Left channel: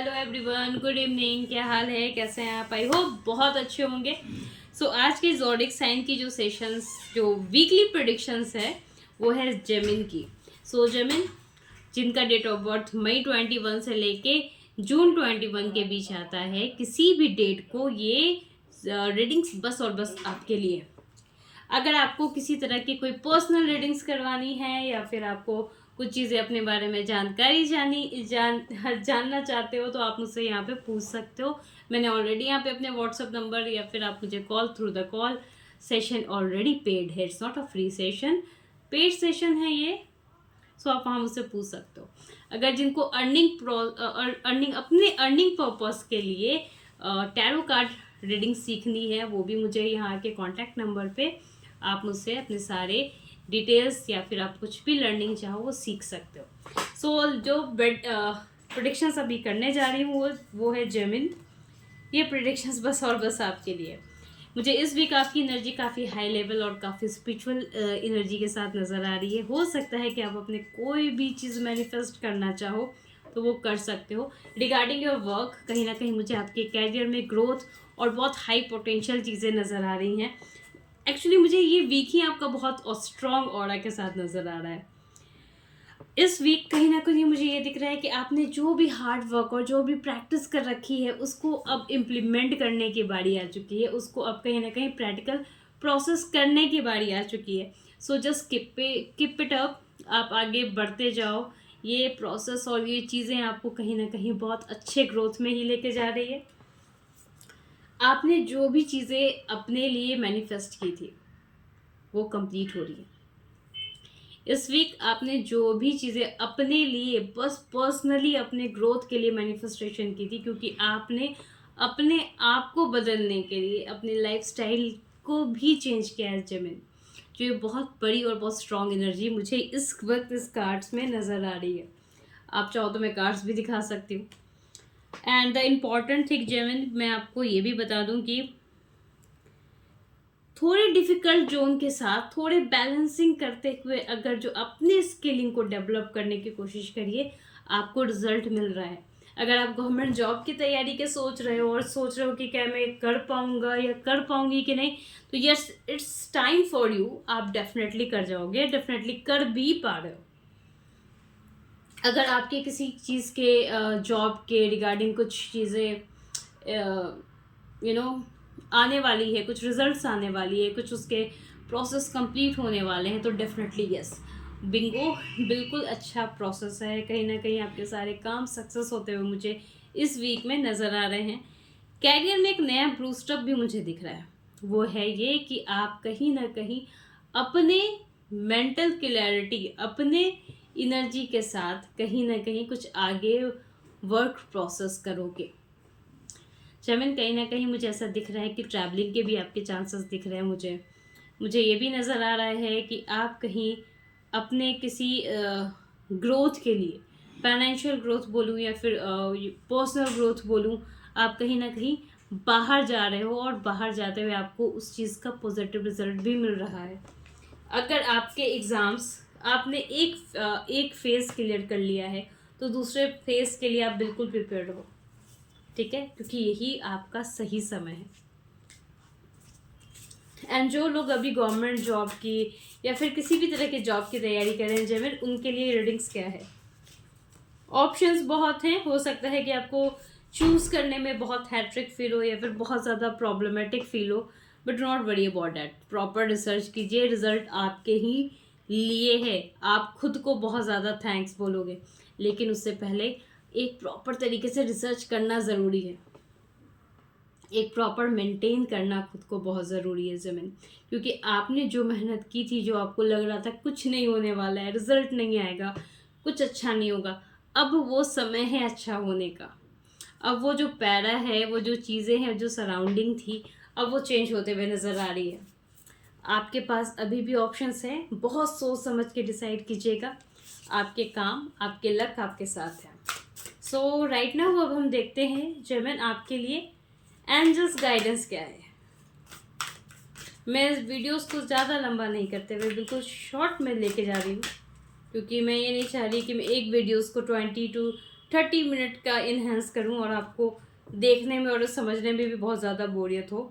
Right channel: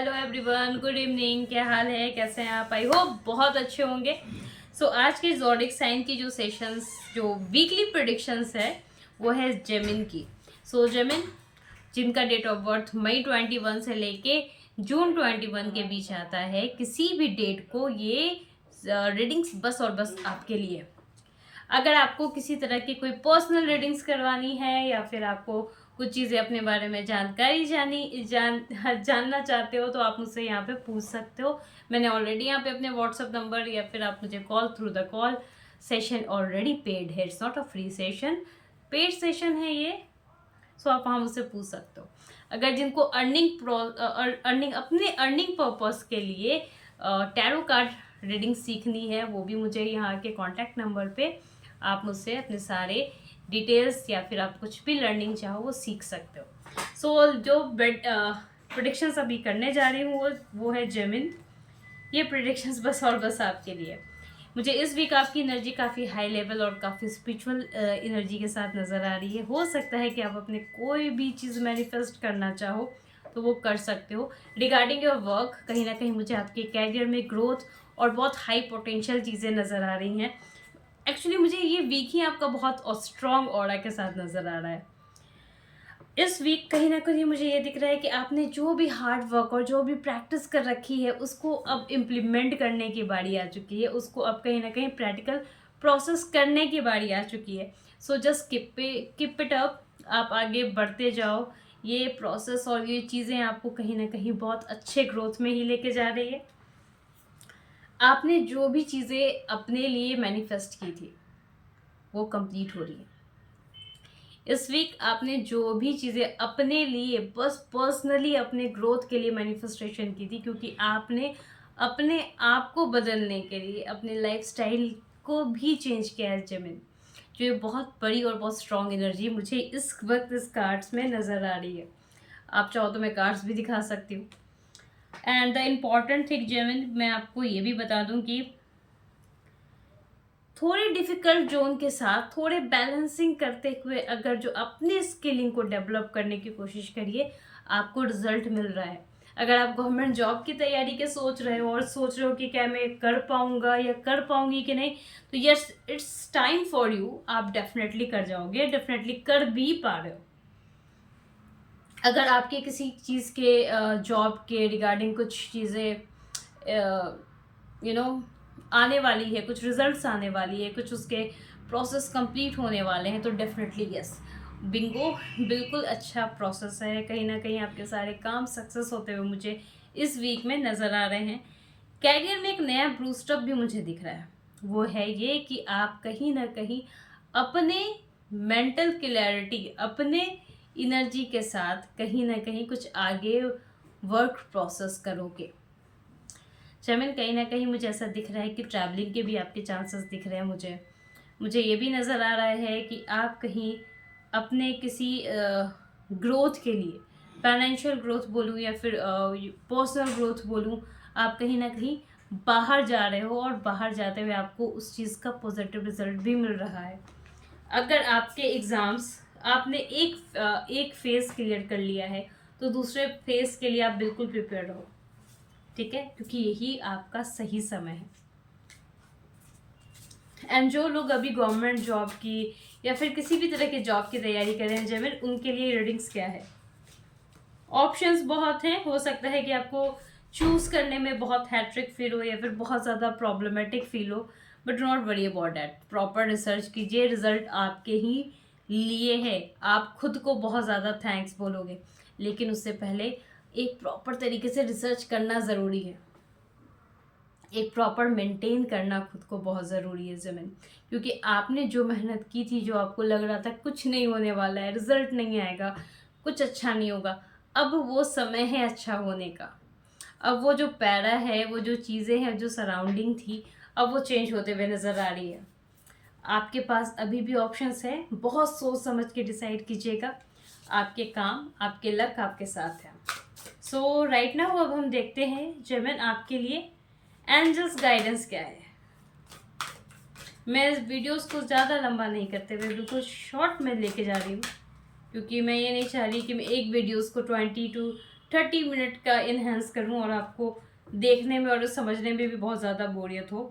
Hello everyone, good evening. क्या हाल है, कैसे हैं आप? आई होप बहुत अच्छे होंगे। आज के ज़ोडिक साइन की जो सेशंस, जो वीकली प्रेडिक्शंस है, वो है जेमिन की। जेमिन जिनका डेट ऑफ बर्थ मई 21 से लेके जून 21 के बीच आता है, किसी भी डेट को ये रीडिंग्स बस और बस आपके लिए। अगर आपको किसी तरह की कोई पर्सनल रीडिंग्स करवानी है या फिर आपको कुछ चीज़ें अपने बारे में जानकारी जानना चाहते हो, तो आप मुझसे यहाँ पे पूछ सकते हो। मैंने ऑलरेडी यहाँ पे अपने व्हाट्सअप नंबर या फिर आप मुझे call through the call session already paid है। It's not a free session, paid session है ये। आप वहाँ मुझसे पूछ सकते हो। अगर जिनको अर्निंग अपने अर्निंग पर्पस के लिए टैरो कार्ड रीडिंग सीखनी है, वो भी मुझे यहाँ के कॉन्टैक्ट नंबर पे आप मुझसे अपने सारे डिटेल्स या फिर आप कुछ भी लर्निंग चाहो वो सीख सकते हो। जो प्रेडिक्शंस अभी करने जा रही हूँ वो है जेमिन। ये प्रेडिक्शंस बस और बस आपके लिए। मुझे इस वीक आपकी एनर्जी काफ़ी हाई लेवल और काफ़ी स्पिरिचुअल एनर्जी के साथ नज़र आ रही है। हो सकता है कि आप अपने कोई भी चीज़ मैनिफेस्ट करना चाहो तो वो कर सकते हो। रिगार्डिंग योर वर्क, कहीं ना कहीं मुझे आपके कैरियर में ग्रोथ और बहुत हाई पोटेंशियल चीज़ें नज़र आ रही हैं। एक्चुअली मुझे ये वीक ही आपका बहुत स्ट्रॉन्ग ऑरा के साथ नज़र आ रहा है। इस वीक कहीं ना कहीं मुझे ये दिख रहा है कि आपने जो भी हार्ड वर्क और जो भी प्रैक्टिस कर रखी है उसको अब इम्प्लीमेंट करने की बारी आ चुकी है। उसको अब कहीं ना कहीं प्रैक्टिकल प्रोसेस करने की बारी आ चुकी है। Just keep it up. आप आगे बढ़ते जाओ। ये प्रोसेस और ये चीज़ें आपको कहीं ना कहीं बहुत अच्छे ग्रोथ में ही लेके जा रही है। आपने जो भी चीज़ें अपने लिए मैनिफेस्ट की थी वो कंप्लीट हो रही है। इस वीक आपने जो भी चीज़ें अपने लिए बस पर्सनली अपने ग्रोथ के लिए मैनिफेस्टेशन की थी, क्योंकि आपने अपने आप को बदलने के लिए अपने लाइफस्टाइल को भी चेंज किया है जेमिन। जो ये बहुत बड़ी और बहुत स्ट्रॉन्ग एनर्जी मुझे इस वक्त इस कार्ड्स में नज़र आ रही है। आप चाहो तो मैं कार्ड्स भी दिखा सकती हूँ। एंड द इम्पॉर्टेंट थिंग जेमिन, मैं आपको ये भी बता दूँ कि थोड़े डिफ़िकल्ट जोन के साथ थोड़े बैलेंसिंग करते हुए अगर जो अपने स्किलिंग को डेवलप करने की कोशिश करिए, आपको रिजल्ट मिल रहा है। अगर आप गवर्नमेंट जॉब की तैयारी के सोच रहे हो और सोच रहे हो कि क्या मैं कर पाऊँगा या कर पाऊँगी कि नहीं, तो yes, it's time for you. आप डेफिनेटली कर जाओगे, डेफिनेटली कर भी पा रहे हो। अगर आपके किसी चीज़ के जॉब के रिगार्डिंग कुछ चीज़ें आने वाली है, कुछ रिजल्ट्स आने वाली है, कुछ उसके प्रोसेस कंप्लीट होने वाले हैं, तो डेफिनेटली यस, बिंगो, बिल्कुल अच्छा प्रोसेस है। कहीं ना कहीं आपके सारे काम सक्सेस होते हुए मुझे इस वीक में नज़र आ रहे हैं। कैरियर में एक नया बूस्टअप भी मुझे दिख रहा है। वो है ये कि आप कहीं ना कहीं अपने मेंटल क्लैरिटी, अपने एनर्जी के साथ कहीं ना कहीं कुछ आगे वर्क प्रोसेस करोगे। जेमिन, कहीं ना कहीं मुझे ऐसा दिख रहा है कि ट्रैवलिंग के भी आपके चांसेस दिख रहे हैं। मुझे ये भी नज़र आ रहा है कि आप कहीं अपने किसी ग्रोथ के लिए, फाइनेंशियल ग्रोथ बोलूँ या फिर पर्सनल ग्रोथ बोलूँ, आप कहीं ना कहीं बाहर जा रहे हो और बाहर जाते हुए आपको उस चीज़ का पॉजिटिव रिजल्ट भी मिल रहा है। अगर आपके एग्ज़ाम्स आपने एक फेज़ क्लियर कर लिया है, तो दूसरे फेज़ के लिए आप बिल्कुल प्रिपेयर हो, ठीक है, क्योंकि यही आपका सही समय है। एंड जो लोग अभी गवर्नमेंट जॉब की या फिर किसी भी तरह के जॉब की तैयारी कर रहे हैं जेमिन, उनके लिए रीडिंग्स क्या है? ऑप्शंस बहुत हैं। हो सकता है कि आपको चूज़ करने में बहुत हैट्रिक फील हो या फिर बहुत ज़्यादा प्रॉब्लमेटिक फील हो, but not worry about that. Proper research कीजिए, रिजल्ट आपके ही लिए है। आप खुद को बहुत ज़्यादा थैंक्स बोलोगे, लेकिन उससे पहले एक प्रॉपर तरीके से रिसर्च करना ज़रूरी है। एक प्रॉपर मेंटेन करना खुद को बहुत ज़रूरी है ज़मीन, क्योंकि आपने जो मेहनत की थी, जो आपको लग रहा था कुछ नहीं होने वाला है, रिजल्ट नहीं आएगा, कुछ अच्छा नहीं होगा, अब वो समय है अच्छा होने का। अब वो जो पैरा है, वो जो चीज़ें हैं, जो सराउंडिंग थी, अब वो चेंज होते हुए नज़र आ रही है। आपके पास अभी भी ऑप्शंस हैं। बहुत सोच समझ के डिसाइड कीजिएगा। आपके काम, आपके लक आपके साथ है। राइट नाउ अब हम देखते हैं जेमिन आपके लिए एंजल्स गाइडेंस क्या है। मैं इस वीडियोस को ज़्यादा लंबा नहीं करते हुए बिल्कुल शॉर्ट में लेके जा रही हूँ, क्योंकि मैं ये नहीं चाह रही कि मैं एक वीडियोस को 20 to 30 मिनट का इन्हेंस करूं और आपको देखने में और समझने में भी बहुत ज़्यादा बोरियत हो।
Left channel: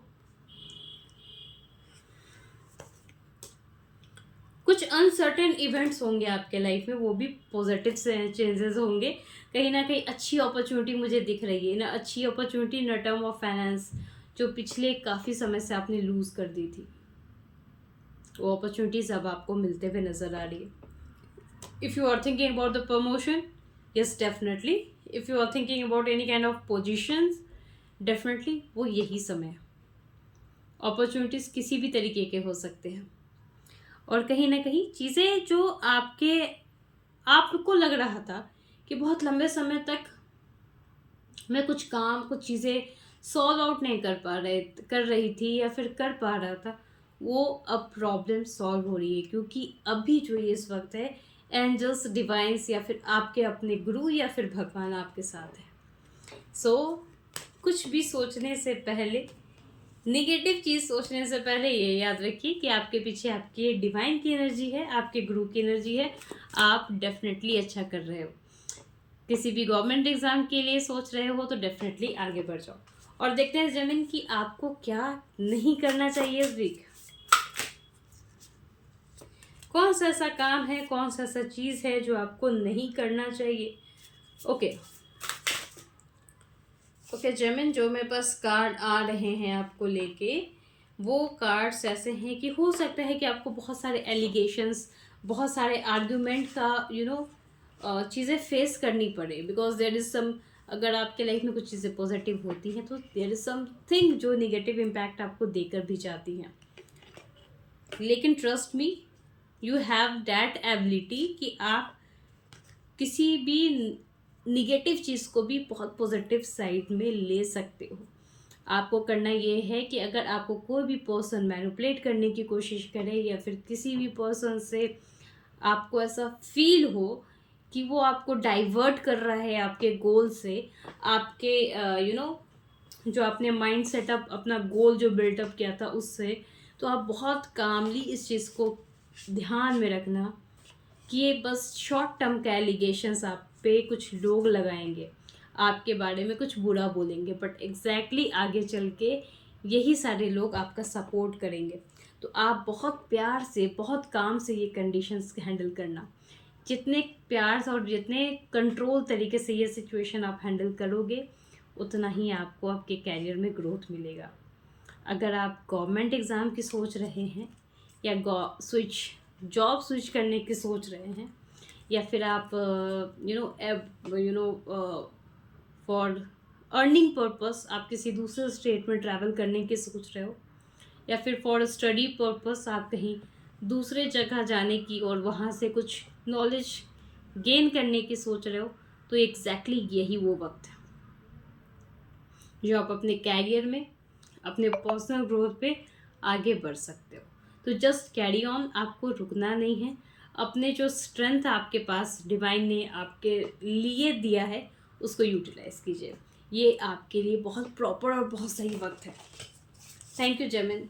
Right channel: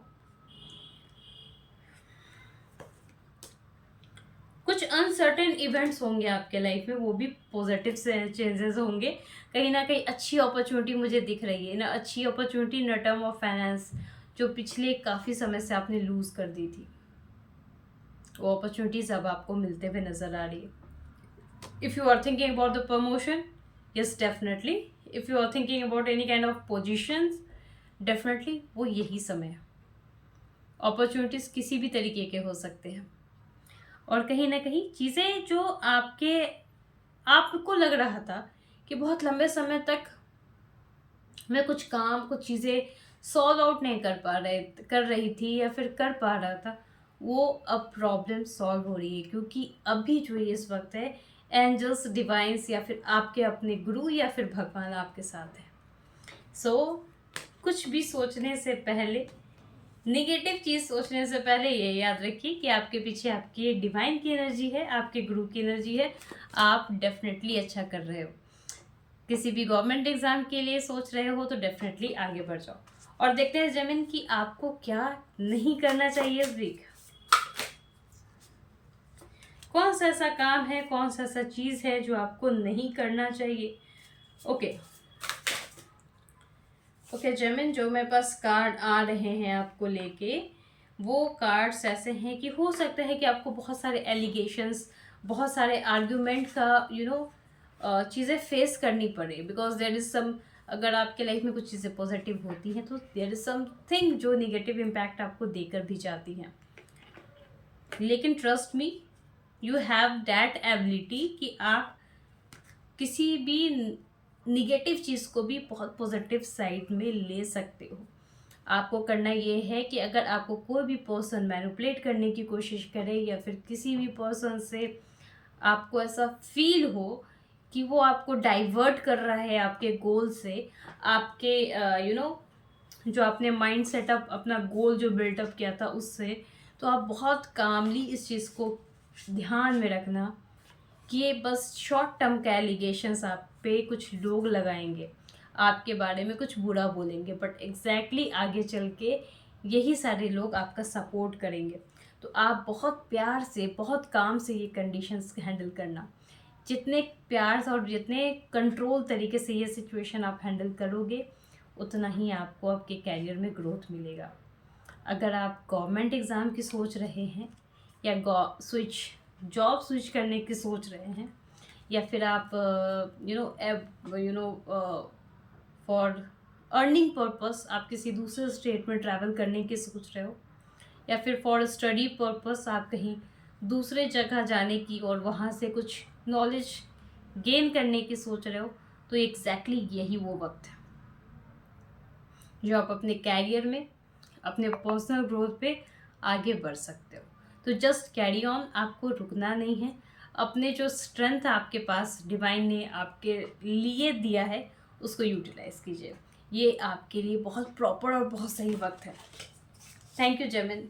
कुछ अनसर्टेन इवेंट्स होंगे आपके लाइफ में, वो भी पॉजिटिव से चेंजेस होंगे। कहीं ना कहीं अच्छी अपॉर्चुनिटी मुझे दिख रही है ना, अच्छी opportunity in term of finance, जो पिछले काफ़ी समय से आपने लूज़ कर दी थी, वो अपॉर्चुनिटीज़ अब आपको मिलते हुए नज़र आ रही है। If you are thinking about the promotion, yes definitely. If you are thinking about any kind of positions, definitely वो यही समय है। अपॉर्चुनिटीज़ किसी भी तरीके के हो सकते हैं, और कहीं ना कहीं चीज़ें जो आपको लग रहा था कि बहुत लंबे समय तक मैं कुछ चीज़ें सॉल्व आउट नहीं कर रही थी या फिर कर पा रहा था, वो अब प्रॉब्लम सॉल्व हो रही है। क्योंकि अभी जो ये इस वक्त है, एंजल्स, डिवाइंस या फिर आपके अपने गुरु या फिर भगवान आपके साथ है। सो कुछ भी सोचने से पहले, निगेटिव चीज़ सोचने से पहले ये याद रखिए कि आपके पीछे आपकी डिवाइन की एनर्जी है, आपके गुरु की एनर्जी है। आप डेफिनेटली अच्छा कर रहे हो। किसी भी गवर्नमेंट एग्ज़ाम के लिए सोच रहे हो तो डेफिनेटली आगे बढ़ जाओ। और देखते हैं जमीन कि आपको क्या नहीं करना चाहिए इस वीक। कौन सा ऐसा काम है, कौन सा ऐसा चीज़ है जो आपको नहीं करना चाहिए। ओके जेमिन, जो मेरे पास कार्ड आ रहे हैं आपको लेके, वो कार्ड्स ऐसे हैं कि हो सकता है कि आपको बहुत सारे एलिगेशंस, बहुत सारे आर्ग्यूमेंट का चीज़ें फेस करनी पड़े। बिकॉज देयर इज़ सम, अगर आपके लाइफ में कुछ चीज़ें पॉजिटिव होती हैं तो देयर इज़ समथिंग जो निगेटिव इम्पैक्ट आपको देकर भी जाती हैं। लेकिन trust me, you have that ability कि आप किसी भी निगेटिव चीज़ को भी बहुत पॉजिटिव साइड में ले सकते हो। आपको करना ये है कि अगर आपको कोई भी पर्सन मैनिपुलेट करने की कोशिश करे या फिर किसी भी पर्सन से आपको ऐसा फील हो कि वो आपको डाइवर्ट कर रहा है आपके गोल से, आपके जो आपने माइंड सेटअप, अपना गोल जो बिल्टअप किया था उससे, तो आप बहुत कामली इस चीज़ को ध्यान में रखना कि ये बस शॉर्ट टर्म का एलिगेशंस आप पे कुछ लोग लगाएंगे, आपके बारे में कुछ बुरा बोलेंगे, बट एग्जैक्टली आगे चल के यही सारे लोग आपका सपोर्ट करेंगे। तो आप बहुत प्यार से, बहुत काम से ये कंडीशंस हैंडल करना। जितने प्यार से और जितने कंट्रोल तरीके से ये सिचुएशन आप हैंडल करोगे, उतना ही आपको आपके कैरियर में ग्रोथ मिलेगा। अगर आप गवर्नमेंट एग्ज़ाम की सोच रहे हैं या जॉब स्विच करने की सोच रहे हैं, या फिर आप फॉर अर्निंग पर्पस आप किसी दूसरे स्टेट में ट्रैवल करने की सोच रहे हो, या फिर फॉर स्टडी पर्पस आप कहीं दूसरे जगह जाने की और वहाँ से कुछ नॉलेज गेन करने की सोच रहे हो, तो एग्जैक्टली यही वो वक्त है जो आप अपने कैरियर में, अपने पर्सनल ग्रोथ पे आगे बढ़ सकते हो। तो जस्ट कैरी ऑन, आपको रुकना नहीं है। अपने जो स्ट्रेंथ आपके पास डिवाइन ने आपके लिए दिया है उसको यूटिलाइज कीजिए। ये आपके लिए बहुत प्रॉपर और बहुत सही वक्त है। Thank you जेमिन।